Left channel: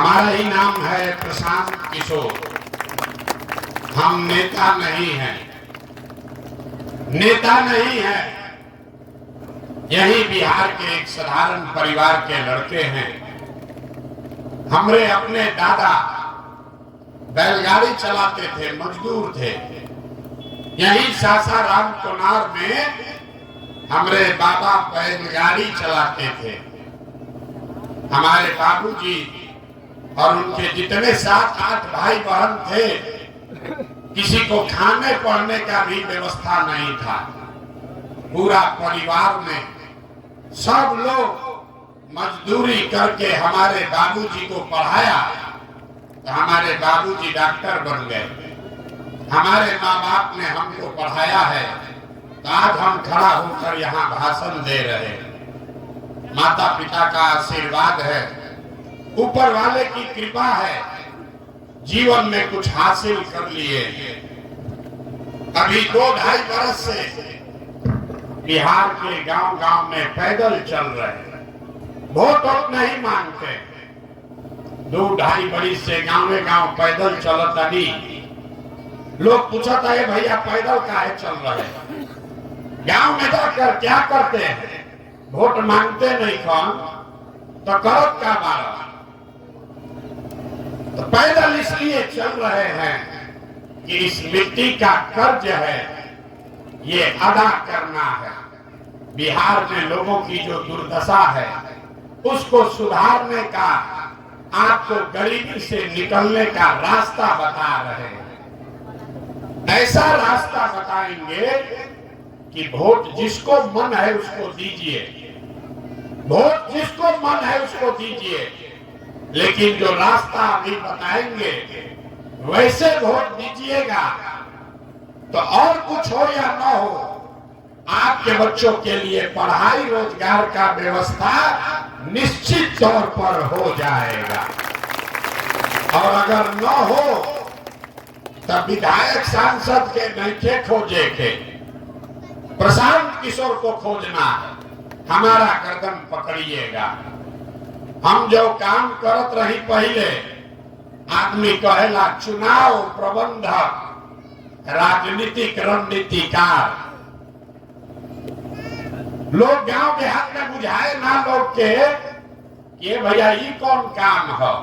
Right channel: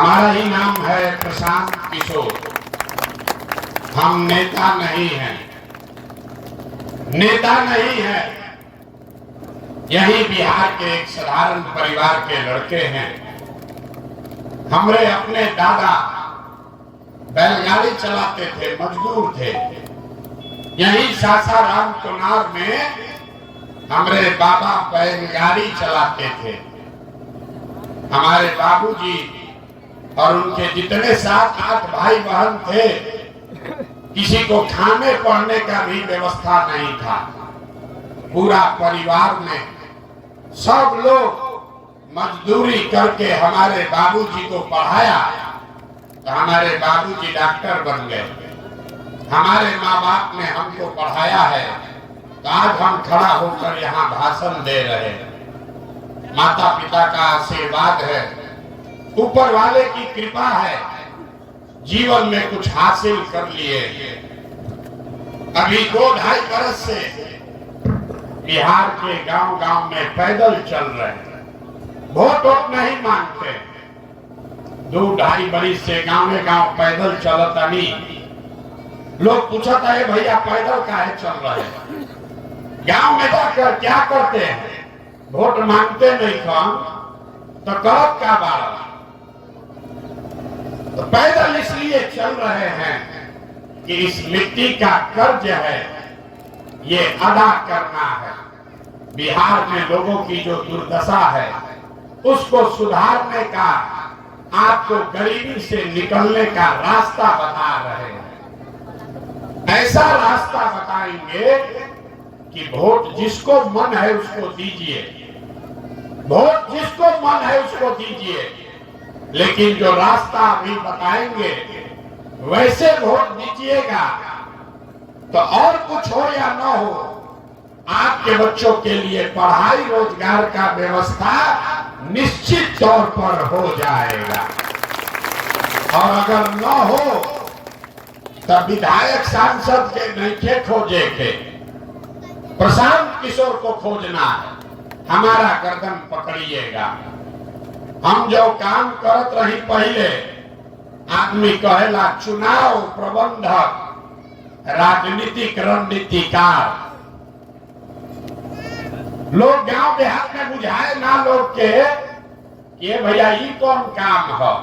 हमारा ही नाम है प्रशांत किशोर। हम नेता नहीं हैं, नेता नहीं है। यही बिहार के एक साधारण परिवार के लड़के हैं। हमारे अपने दादा बैलगाड़ी चलाते थे, मजदूर थे। यही सासाराम चुनार में हमारे बाबा बैलगाड़ी चलाते थे। हमारे बाबूजी और उनके जितने 7-8 भाई बहन थे, किसी को खाने पढ़ने का भी व्यवस्था नहीं था। पूरा परिवार में सब लोग मजदूरी करके हमारे बाबूजी को पढ़ाया, तो हमारे बाबूजी डॉक्टर बन गए। हमारे माँ बाप ने हमको पढ़ाया है, तो आज हम खड़ा होकर यहाँ भाषण दे रहे हैं। माता पिता का आशीर्वाद है, ऊपर वाले की कृपा है, जीवन में कुछ हासिल कर लिए। अभी 2-2.5 बरस से बिहार के गांव-गांव में पैदल चल रहे हैं, वोट नहीं मांगते। 2-2.5 बरस से गांव-गांव पैदल चलता नहीं। लोग पूछता है भैया पैदल काहे चल रहे हैं, गांव में जाकर क्या करते हैं? वोट मांगते नहीं कौन तो गलत का बात। तो पैदल इसलिए चल रहे हैं कि इस मिट्टी का कर्ज है, ये अदा करना है। बिहार में लोगों की जो दुर्दशा है उसको सुधारने का, आपको गरीबी से निकलने का रास्ता बता रहे हैं। ऐसा रास्ता बताएंगे कि वोट जिसको मन है उसको दीजिए, वोट जिसको मन है उसको दीजिए, लेकिन जो रास्ता अभी बताएंगे वैसे वोट दीजिएगा तो और कुछ हो या न हो, आपके बच्चों के लिए पढ़ाई रोजगार का व्यवस्था निश्चित तौर पर हो जाएगा। और अगर न हो तब विधायक सांसद के नैखे खोजे के, प्रशांत किशोर को खोजना है। हमारा गर्दन पकड़िएगा। हम जो काम करत रही पहले, आदमी कहेला चुनाव प्रबंधक, राजनीतिक रणनीतिकार। लोग गांव देहात में बुझाए ना लोग के ये भैया ये कौन काम है।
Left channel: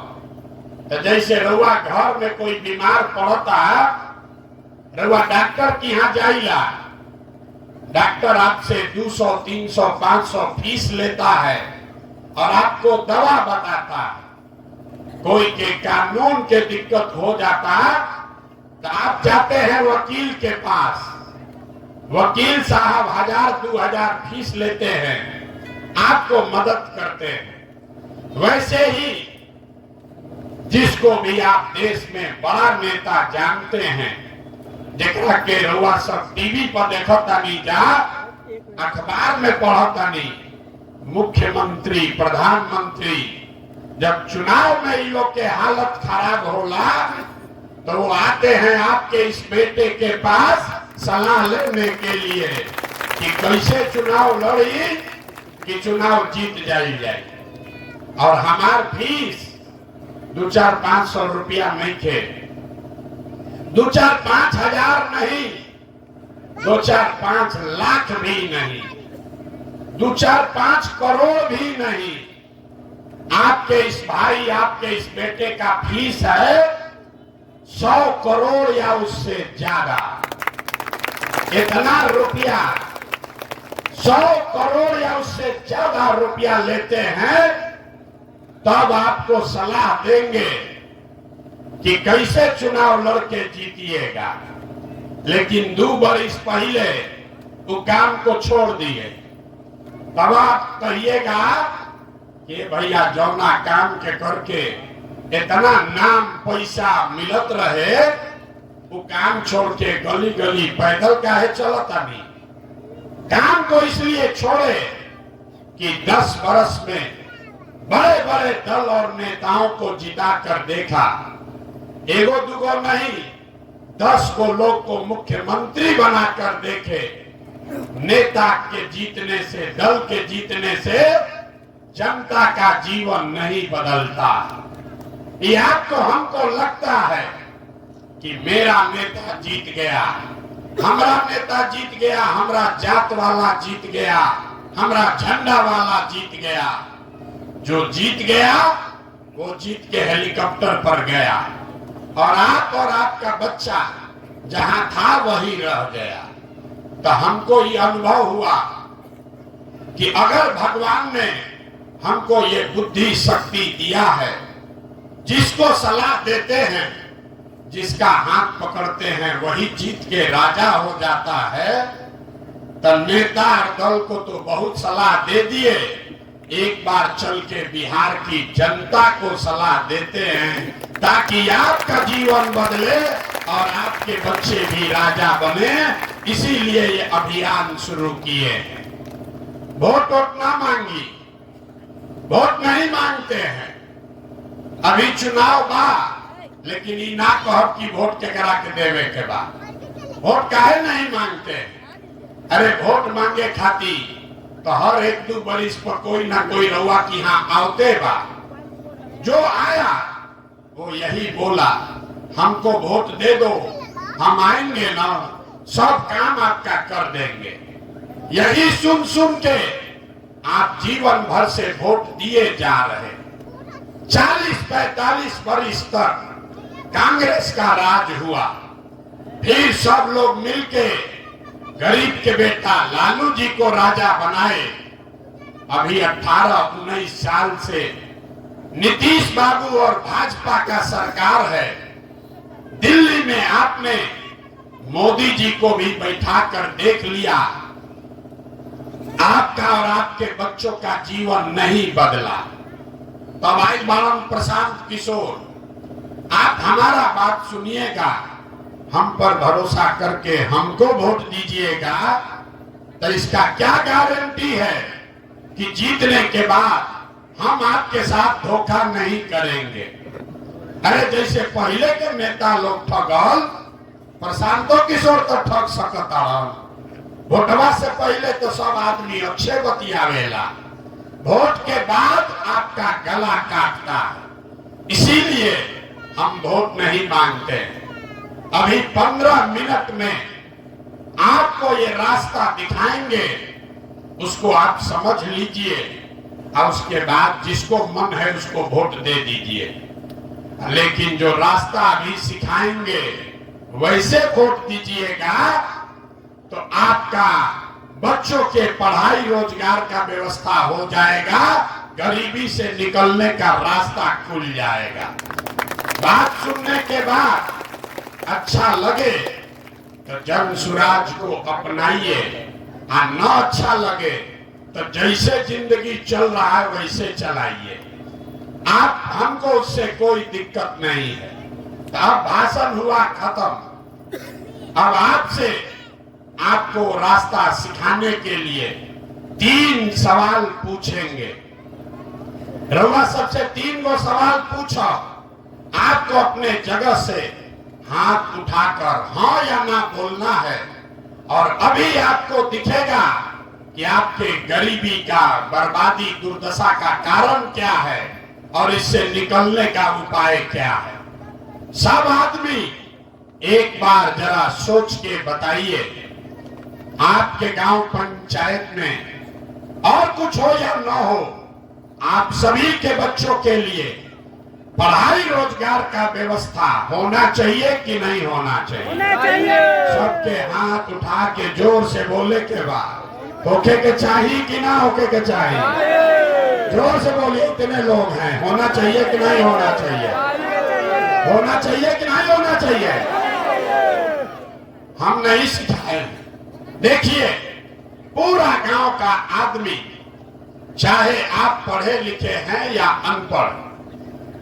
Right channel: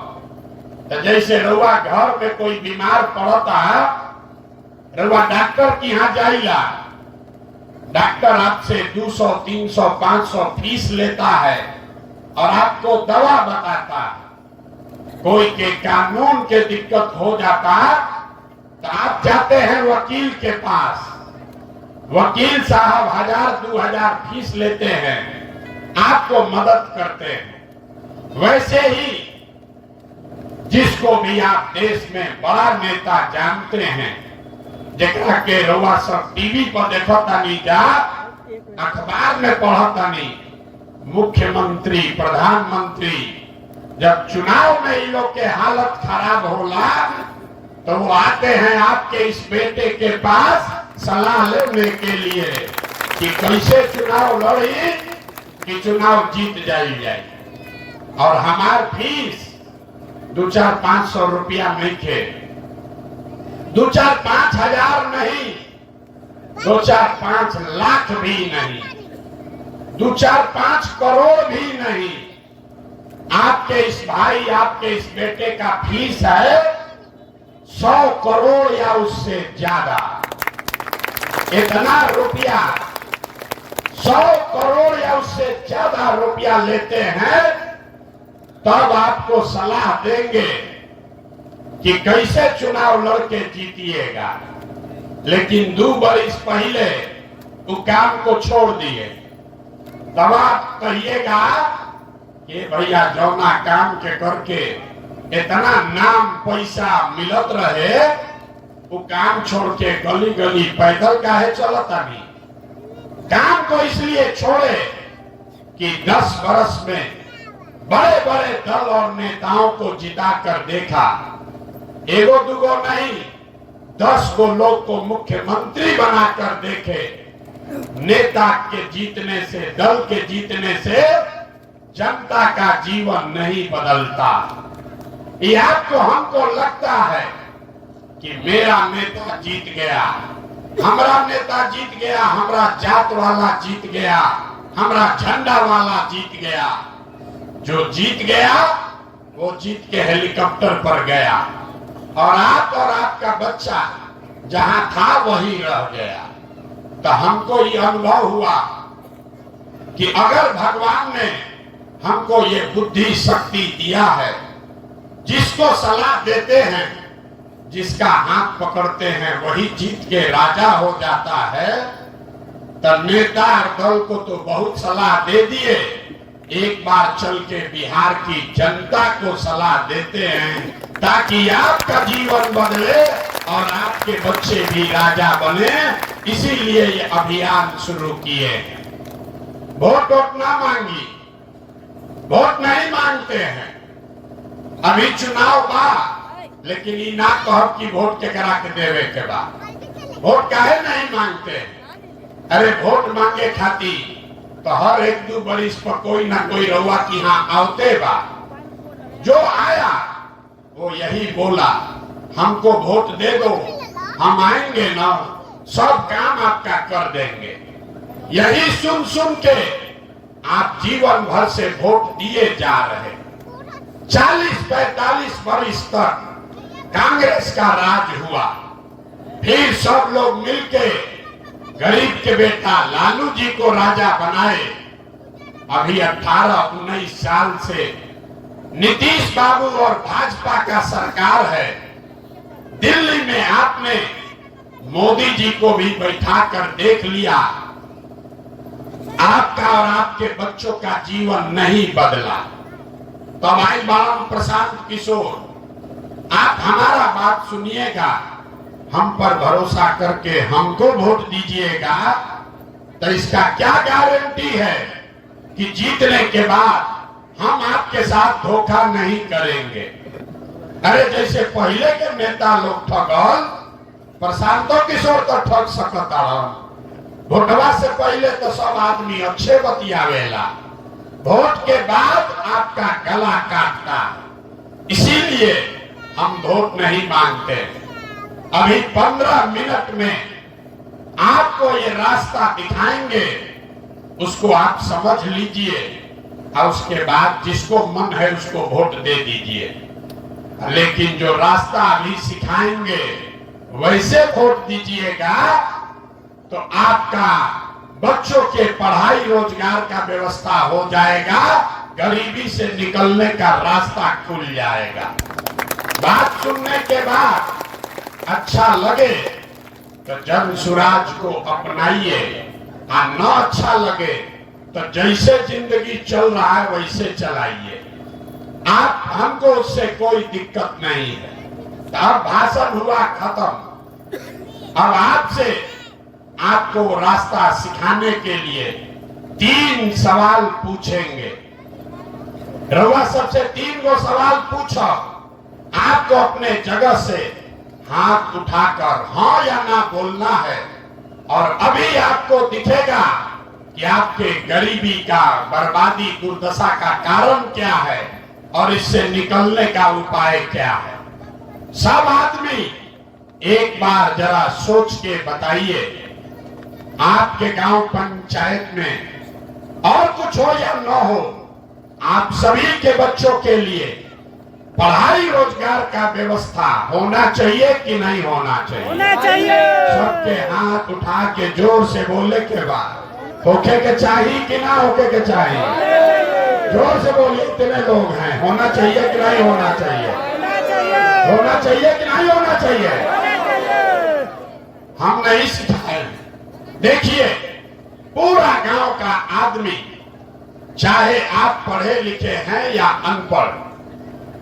तो जैसे रउआ घर में कोई बीमार पड़ता, रउआ डॉक्टर के यहाँ जाइला, डॉक्टर आपसे 200, 300, 500 फीस लेता है और आपको दवा बताता है। कोई के कानून के दिक्कत हो जाता तो आप जाते हैं वकील के पास, वकील साहब 1000-2000 फीस लेते हैं, आपको मदद करते हैं। वैसे ही जिसको भी आप देश में बड़ा नेता जानते हैं, जरा के रउआ सब टीवी पर देखता नहीं, जा अखबार में पढ़ता नहीं, मुख्यमंत्री प्रधानमंत्री जब चुनाव में इन लोग के हालत खराब होला तो वो आते हैं आपके इस बेटे के पास सलाह लेने के लिए कि कैसे चुनाव लड़ी कि चुनाव जीत जाए। और हमार फीस 2-4-500 रुपया नहीं थे, 2-4-5 हजार नहीं, 2-4-5 लाख भी नहीं, 2-4-5 करोड़ भी नहीं। आपके इस भाई, आपके इस बेटे का फीस है 100 करोड़ या उससे ज्यादा। इतना रुपया 100 करोड़ या उससे ज्यादा रुपया लेते हैं, तब आपको सलाह देंगे कि कैसे चुनाव लड़के जीतिएगा। लेकिन 2 बरस पहले वो काम को छोड़ दिए, तब आप कहिएगा कि भैया जौना काम के करके इतना नाम पैसा मिलत रहे, वो काम छोड़ के गली गली पैदल काहे चलता नहीं। काम को इसलिए छोड़े कि 10 बरस में बड़े बड़े दल और नेताओं को जिता कर देखा, एगो दुगो नहीं 10 को लोग को मुख्यमंत्री बनाकर देखे। नेता के जीतने से, दल के जीतने से जनता का जीवन नहीं बदलता। या तो हमको लगता है कि मेरा नेता जीत गया, हमारा नेता जीत गया, हमारा जात वाला जीत गया, हमारा झंडा वाला जीत गया। जो जीत गया वो जीत के हेलीकॉप्टर पर गया और आपका बच्चा जहां था वहीं रह गया। तो हमको ये अनुभव हुआ कि अगर भगवान ने हमको ये बुद्धि शक्ति दिया है, जिसको सलाह देते हैं, जिसका हाथ पकड़ते हैं वही जीत के राजा हो जाता है। तो नेता दल को तो बहुत सलाह दे दिए, एक बार चल के बिहार की जनता को सलाह देते हैं ताकि आपका जीवन बदले और आपके बच्चे भी राजा बने। इसीलिए ये अभियान शुरू किए हैं। वोट ना मांगी, वोट नहीं मांगते हैं। अभी चुनाव बा, लेकिन ये ना कहो कि वोट के करा के देवे के बाद वोट काहे नहीं मांगते। अरे वोट मांगे खाती तो हर एक दो बरिस पर कोई ना कोई रउआ की यहाँ आवते बा। जो आया वो यही बोला, हमको वोट दे दो, हम आएंगे ना, सब काम आपका कर देंगे। यही सुन सुन के आप जीवन भर से वोट दिए जा रहे। 40-45 वर्ष तक कांग्रेस का राज हुआ, फिर सब लोग मिलके गरीब के बेटा लालू जी को राजा बनाए। अभी 18-19 साल से नीतीश बाबू और भाजपा का सरकार है। दिल्ली में आपने मोदी जी को भी बैठा कर देख लिया, आपका और आपके बच्चों का जीवन नहीं बदला। तब आई बालम प्रशांत किशोर, आप हमारा बात सुनिएगा, हम पर भरोसा करके हमको वोट दीजिएगा। तो इसका क्या गारंटी है कि जीतने के बाद हम आपके साथ धोखा नहीं करेंगे। अरे जैसे पहले के नेता लोग ठगल, प्रशांतो किशोर तो ठग सकता। वोटवा से पहले तो सब आदमी अच्छे बतियावेला, वोट के बाद आपका गला काटता। इसीलिए हम वोट नहीं मांगते। अभी 15 मिनट में आपको ये रास्ता दिखाएंगे, उसको आप समझ लीजिए और उसके बाद जिसको मन है उसको वोट दे दीजिए। लेकिन जो रास्ता अभी सिखाएंगे वैसे वोट दीजिएगा तो आपका बच्चों के पढ़ाई रोजगार का व्यवस्था हो जाएगा, गरीबी से निकलने का रास्ता खुल जाएगा। बात सुनने के बाद अच्छा लगे तो जन स्वराज को अपनाइए, और न अच्छा लगे तो जैसे जिंदगी चल रहा है वैसे चलाइए। आप हमको उससे कोई दिक्कत नहीं है। अब भाषण हुआ खत्म। अब आपसे आपको रास्ता सिखाने के लिए 3 सवाल पूछेंगे। रउआ सबसे 3 गो सवाल पूछो। आपको अपने जगह से हाथ उठाकर हाँ या ना बोलना है। और अभी आपको दिखेगा कि आपके गरीबी का, बर्बादी, दुर्दशा का कारण क्या है और इससे निकलने का उपाय क्या है। सब आदमी एक बार जरा सोच के बताइए, आपके गांव पंचायत में और कुछ हो या न हो, आप सभी के बच्चों के लिए पढ़ाई रोजगार का व्यवस्था होना चाहिए कि नहीं होना चाहिए? होना चाहिए। सबके हाथ उठा के जोर से बोले के बाद होके के चाहिए कि ना होके के चाहिए? जोर से बोलिए, कितने लोग हैं? होना चाहिए कि नहीं होना चाहिए? होना चाहिए कि नहीं होना चाहिए? हम नहीं सिखाए। देखिए, पूरा गांव का आदमी, चाहे आप पढ़े लिखे हैं या अनपढ़,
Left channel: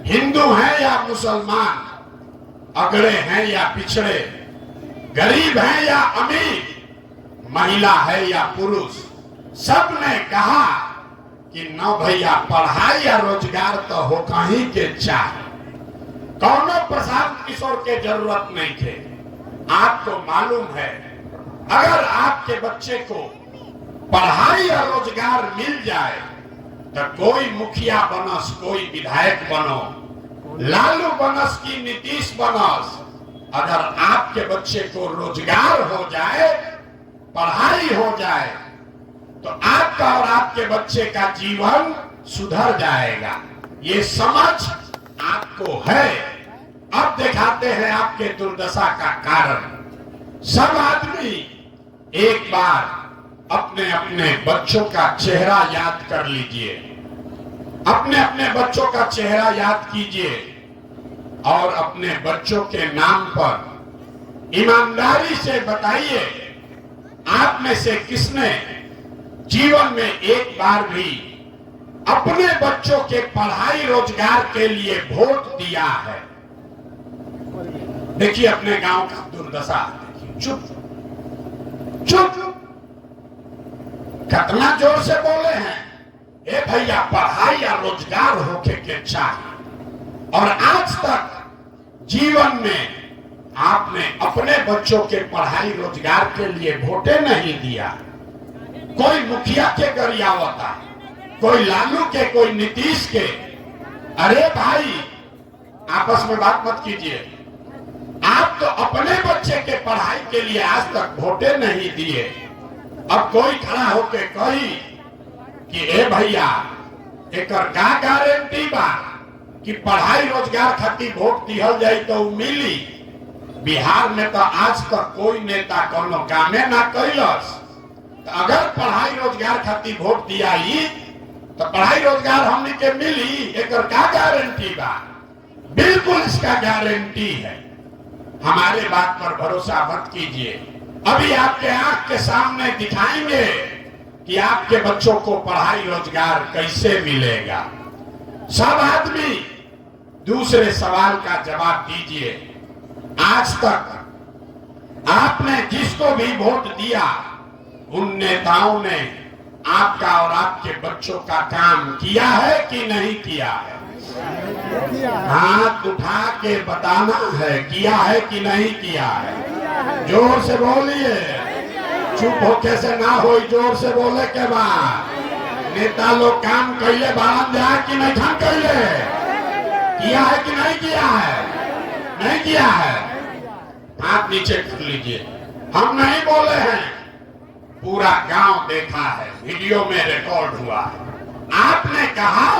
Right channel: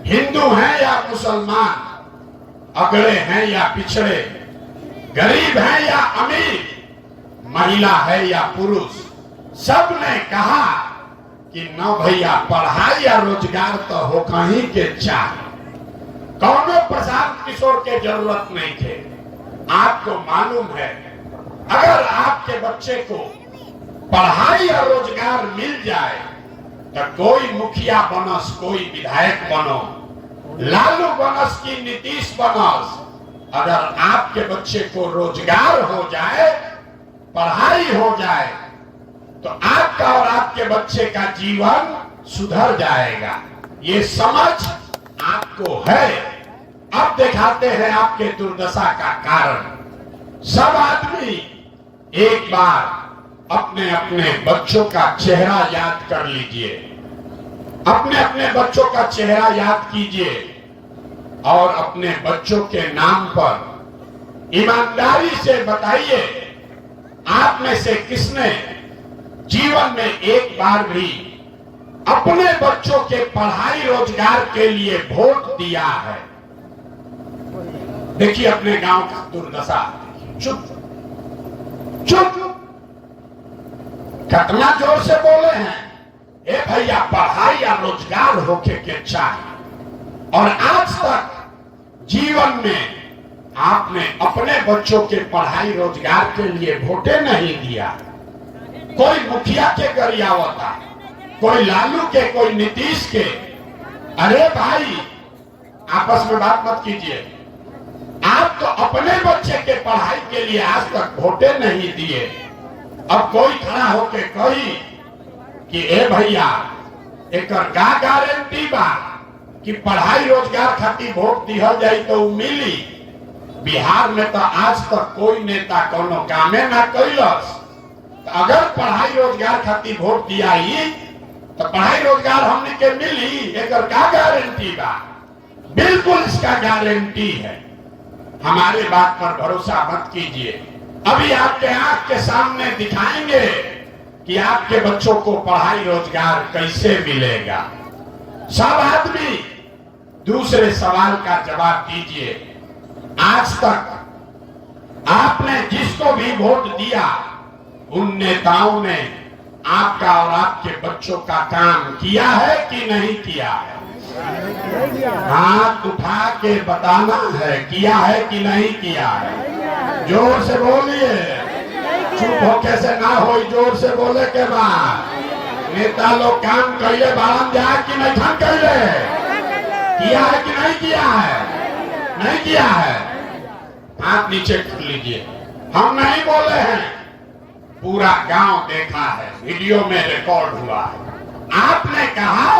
हिंदू हैं या मुसलमान, अगड़े हैं या पिछड़े, गरीब हैं या अमीर, महिला है या पुरुष, सब ने कहा कि न भैया पढ़ाई या रोजगार तो हो कहीं के चाहे। कौनो प्रशांत किशोर के जरूरत नहीं थे। आपको मालूम है, अगर आपके बच्चे को पढ़ाई और रोजगार मिल जाए तो कोई मुखिया बनो, कोई विधायक बनो, लालू बनस की नीतीश बनस। अगर आपके बच्चे को रोजगार हो जाए, पढ़ाई हो जाए, तो आपका और आपके बच्चे का जीवन सुधर जाएगा। ये समझ आपको है। अब दिखाते हैं आपके दुर्दशा का कारण। सब आदमी एक बार अपने अपने बच्चों का चेहरा याद कर लीजिए, अपने अपने बच्चों का चेहरा याद कीजिए और अपने बच्चों के नाम पर ईमानदारी से बताइए, आप में से किसने जीवन में एक बार भी अपने बच्चों के पढ़ाई रोजगार के लिए वोट दिया है? देखिए अपने गांव का दुर्दशा। चुप चुप, कितना जोर से बोले हैं। ए भैया, पढ़ाई या रोजगार होके के चाहिए। और आज तक जीवन में आपने अपने बच्चों के पढ़ाई रोजगार के लिए वोटे नहीं दिया। कोई मुखिया के गरियावता, कोई लालू के, कोई नीतीश के। अरे भाई, आपस में बात मत कीजिए। आप तो अपने बच्चे के पढ़ाई के लिए आज तक वोटे नहीं दिए। अब कोई खड़ा होके कही कि ए भैया, एक का गारंटी बा कि पढ़ाई रोजगार खातिर वोट दिहल जाई तो मिली। बिहार में तो आज तक कोई नेता कोनो कामे ना कैलस। अगर पढ़ाई रोजगार खातिर वोट दिया तो पढ़ाई रोजगार हमने के मिली, एक का गारंटी बा? बिल्कुल इसका गारंटी है। हमारे बात पर भरोसा मत कीजिए। अभी आपके आंख के सामने दिखाएंगे कि आपके बच्चों को पढ़ाई रोजगार कैसे मिलेगा। सब आदमी दूसरे सवाल का जवाब दीजिए। आज तक आपने जिसको भी वोट दिया, उन नेताओं ने आपका और आपके बच्चों का काम किया है कि नहीं किया है? हाथ उठा के बताना है, किया है कि नहीं किया है। जोर से बोलिए, चुप होके से ना हो, जोर से बोले के बाद। नेता लोग काम कैले बारम जा कि नहीं था कैले, किया है कि नहीं किया है? नहीं किया है। हाथ नीचे कर लीजिए। हम नहीं बोले हैं, पूरा गांव देखा है, वीडियो में रिकॉर्ड हुआ है। आपने कहा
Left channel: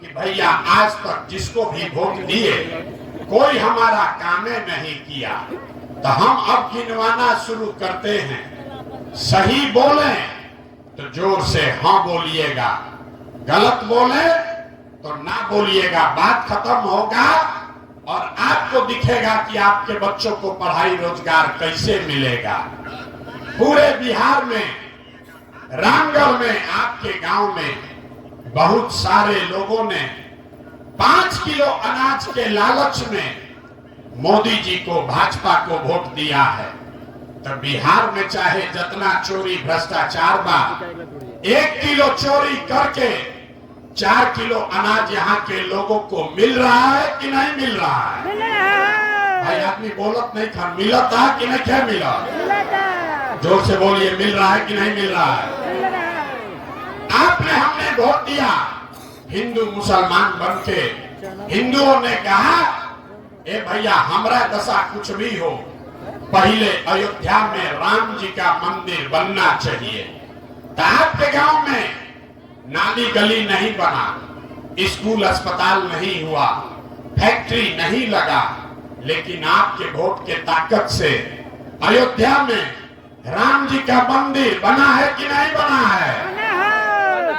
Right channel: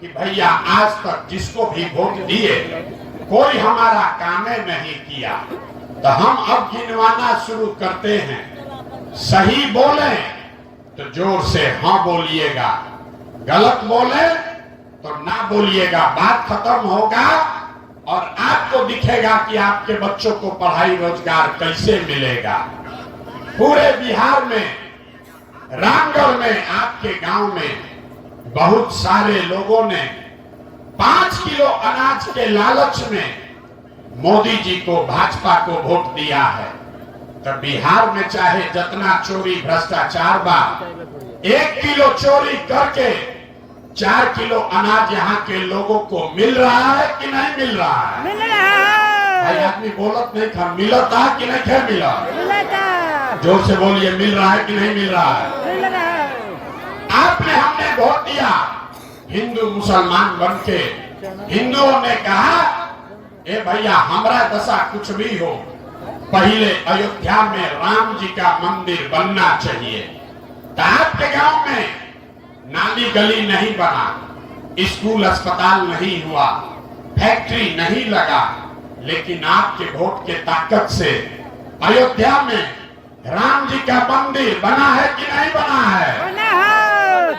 कि भैया आज तक जिसको भी वोट दिए कोई हमारा कामे नहीं किया। तो हम अब गिनवाना शुरू करते हैं। सही बोले तो जोर से हाँ बोलिएगा, गलत बोले तो ना बोलिएगा। बात खत्म होगा और आपको दिखेगा कि आपके बच्चों को पढ़ाई रोजगार कैसे मिलेगा। पूरे बिहार में, रामगढ़ में, आपके गांव में बहुत सारे लोगों ने 5 किलो अनाज के लालच में मोदी जी को, भाजपा को वोट दिया है। तो बिहार में चाहे जितना चोरी भ्रष्टाचार बा, 1 किलो चोरी करके 4 किलो अनाज यहाँ के लोगों को मिल रहा है कि नहीं मिल रहा है? भाई आदमी बोलत नहीं था, मिला था कि नहीं था? मिला। जोर से बोलिए, मिल रहा है कि नहीं मिल रहा है? आपने, हमने वोट दिया हिंदू मुसलमान बनके। हिंदुओं ने कहा ए भैया हमारा दशा कुछ भी हो, पहले अयोध्या में राम जी का मंदिर बनना चाहिए। तो आपके गांव में नाली गली नहीं बना, स्कूल अस्पताल नहीं हुआ, फैक्ट्री नहीं लगा, लेकिन आपके वोट के ताकत से अयोध्या में राम जी का मंदिर बना है कि नहीं बना है?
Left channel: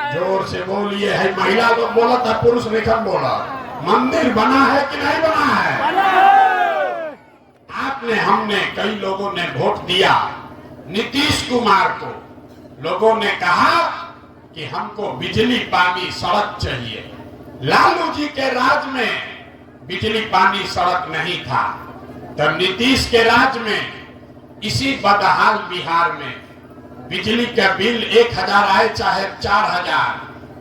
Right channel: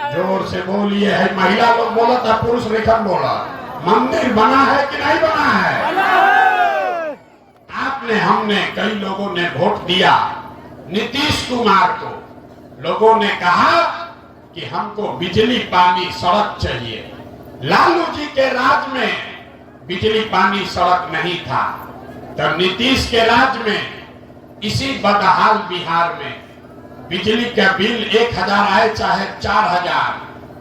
जोर से बोलिए। है महिला लोग बोला था, पुरुष रेखन बोला। मंदिर बना है कि नहीं बना है? आपने, हमने, कई लोगों ने वोट दिया नीतीश कुमार को। लोगों ने कहा कि हमको बिजली पानी सड़क चाहिए। लालू जी के राज में बिजली पानी सड़क नहीं था, तब नीतीश के राज में इसी बदहाल बिहार में बिजली का बिल 1000 आए चाहे 4000,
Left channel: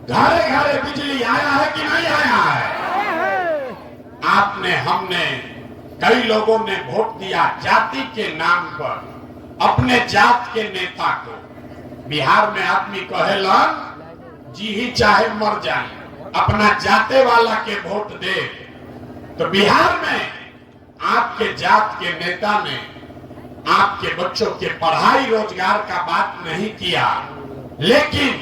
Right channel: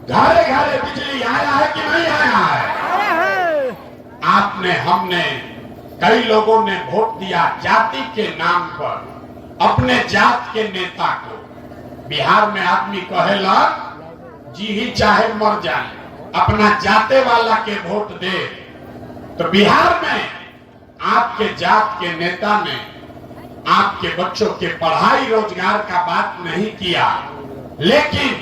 घरे घरे बिजली आया है कि नहीं आया है? आपने, हमने, कई लोगों ने वोट दिया जाति के नाम पर अपने जात के नेता को। बिहार में आदमी कहेला जी ही चाहे मर जाए, अपना जाते वाला के वोट दे। तो बिहार में आपके जात के नेता ने आपके बच्चों के पढ़ाई रोजगार का बात नहीं किया, लेकिन